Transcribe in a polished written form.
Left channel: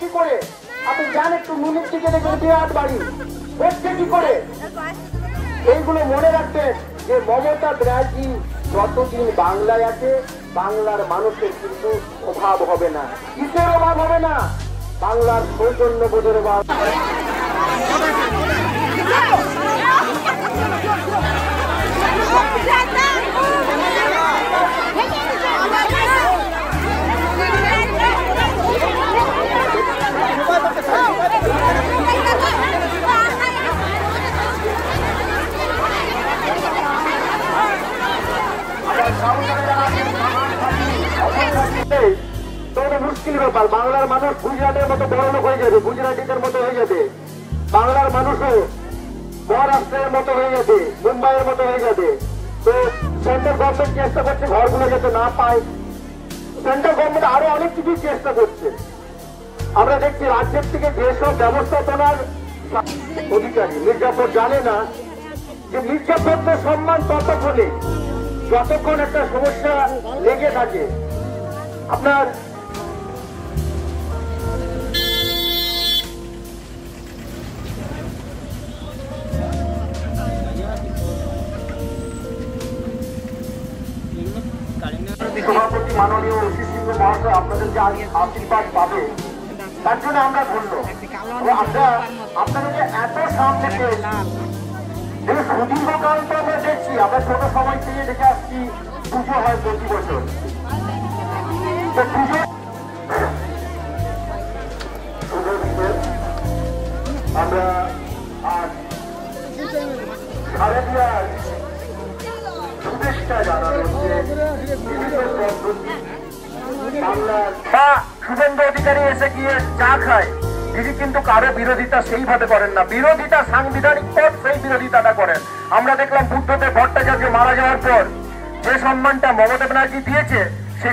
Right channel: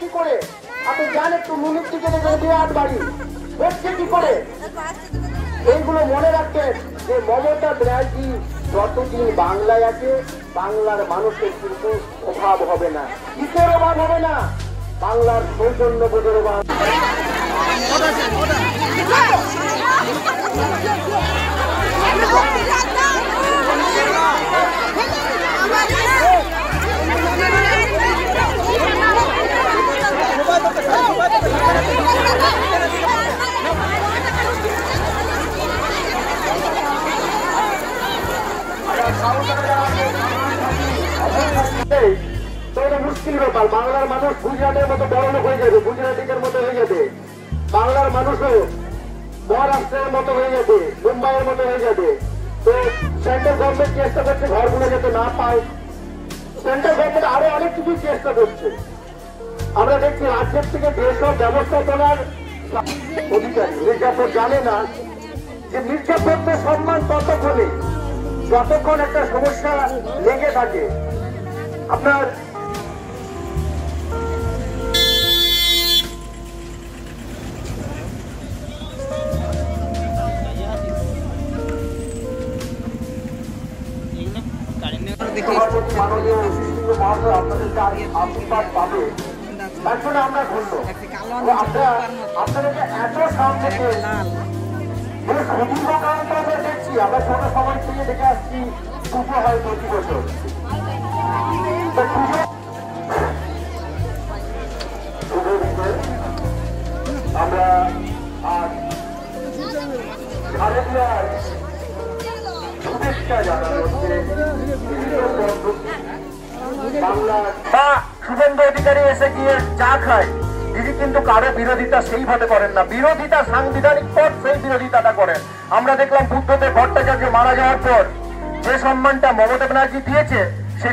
কি করে? আপনি যান একটু নুনের দিকে দেখবেন বিরাট বাড়ি হচ্ছে কি করে। এইগুলো মনে রাখবেন যে মমতা ব্যানার্জি যতদিন বাংলায় আছে বাংলার মানুষের কিন্তু অভাব হবে না। কিসের অভাব হবে না? বাংলার সৌজন্যবোধের অভাব। তো এটা মুশকিল ব্যাপার। বাংলার মানুষ গুজরাটের মতো বড় লোক হয়ে যাবে, গুজরাটিদের মতো হয়ে যাবে। বাংলার মানুষও মহারাষ্ট্রের মতো হয়ে যাবে, মুম্বাইয়ের মতো হয়ে যাবে। তো সেন্ট্রাল গভর্নমেন্ট চেষ্টা করছে ঘরগুলো যাতে না পায়। সেন্ট্রাল গভর্নমেন্ট আরো অনেক কিছু চেষ্টা করছে। আমরা দেখছি রাজ্যের থেকে যেসব ব্যবস্থাপনার অধিকারী মির্জাপুর জানে না যে মির্জাপুর সম্মান ততক্ষণে যতক্ষণ একটা সমস্যা লেগে থাকে। আপনার মাননীয় শিশির মহাশয় আপনাদেরকে আশীর্বাদ পাবে, তার জন্য আমরা ধন্য। আপনাদেরকে এত সামনে সুদীর্ঘ কারণ তো আমরা দেখছি, আমরা ছোট সময় থেকে দেখে আসছি পুজো হয় প্রতি বছর। আমরা আজ শারদীয়ার শুভেচ্ছা জানানো হচ্ছে বাংলার বা শুভেন্দু অধিকারী এসে গিয়ে চা খায়। তিনি কিন্তু কারো বিরোধিতা সেইভাবে করেন না, বিরোধিতা সাংবিধানিক পথ সেই বিরোধিতাটা করেন। আমরা দেখলাম বুদ্ধদেব ভট্টাচার্য মারা যাওয়ার পর যে সম্মানটা মমতা ব্যানার্জি দিয়েছে সে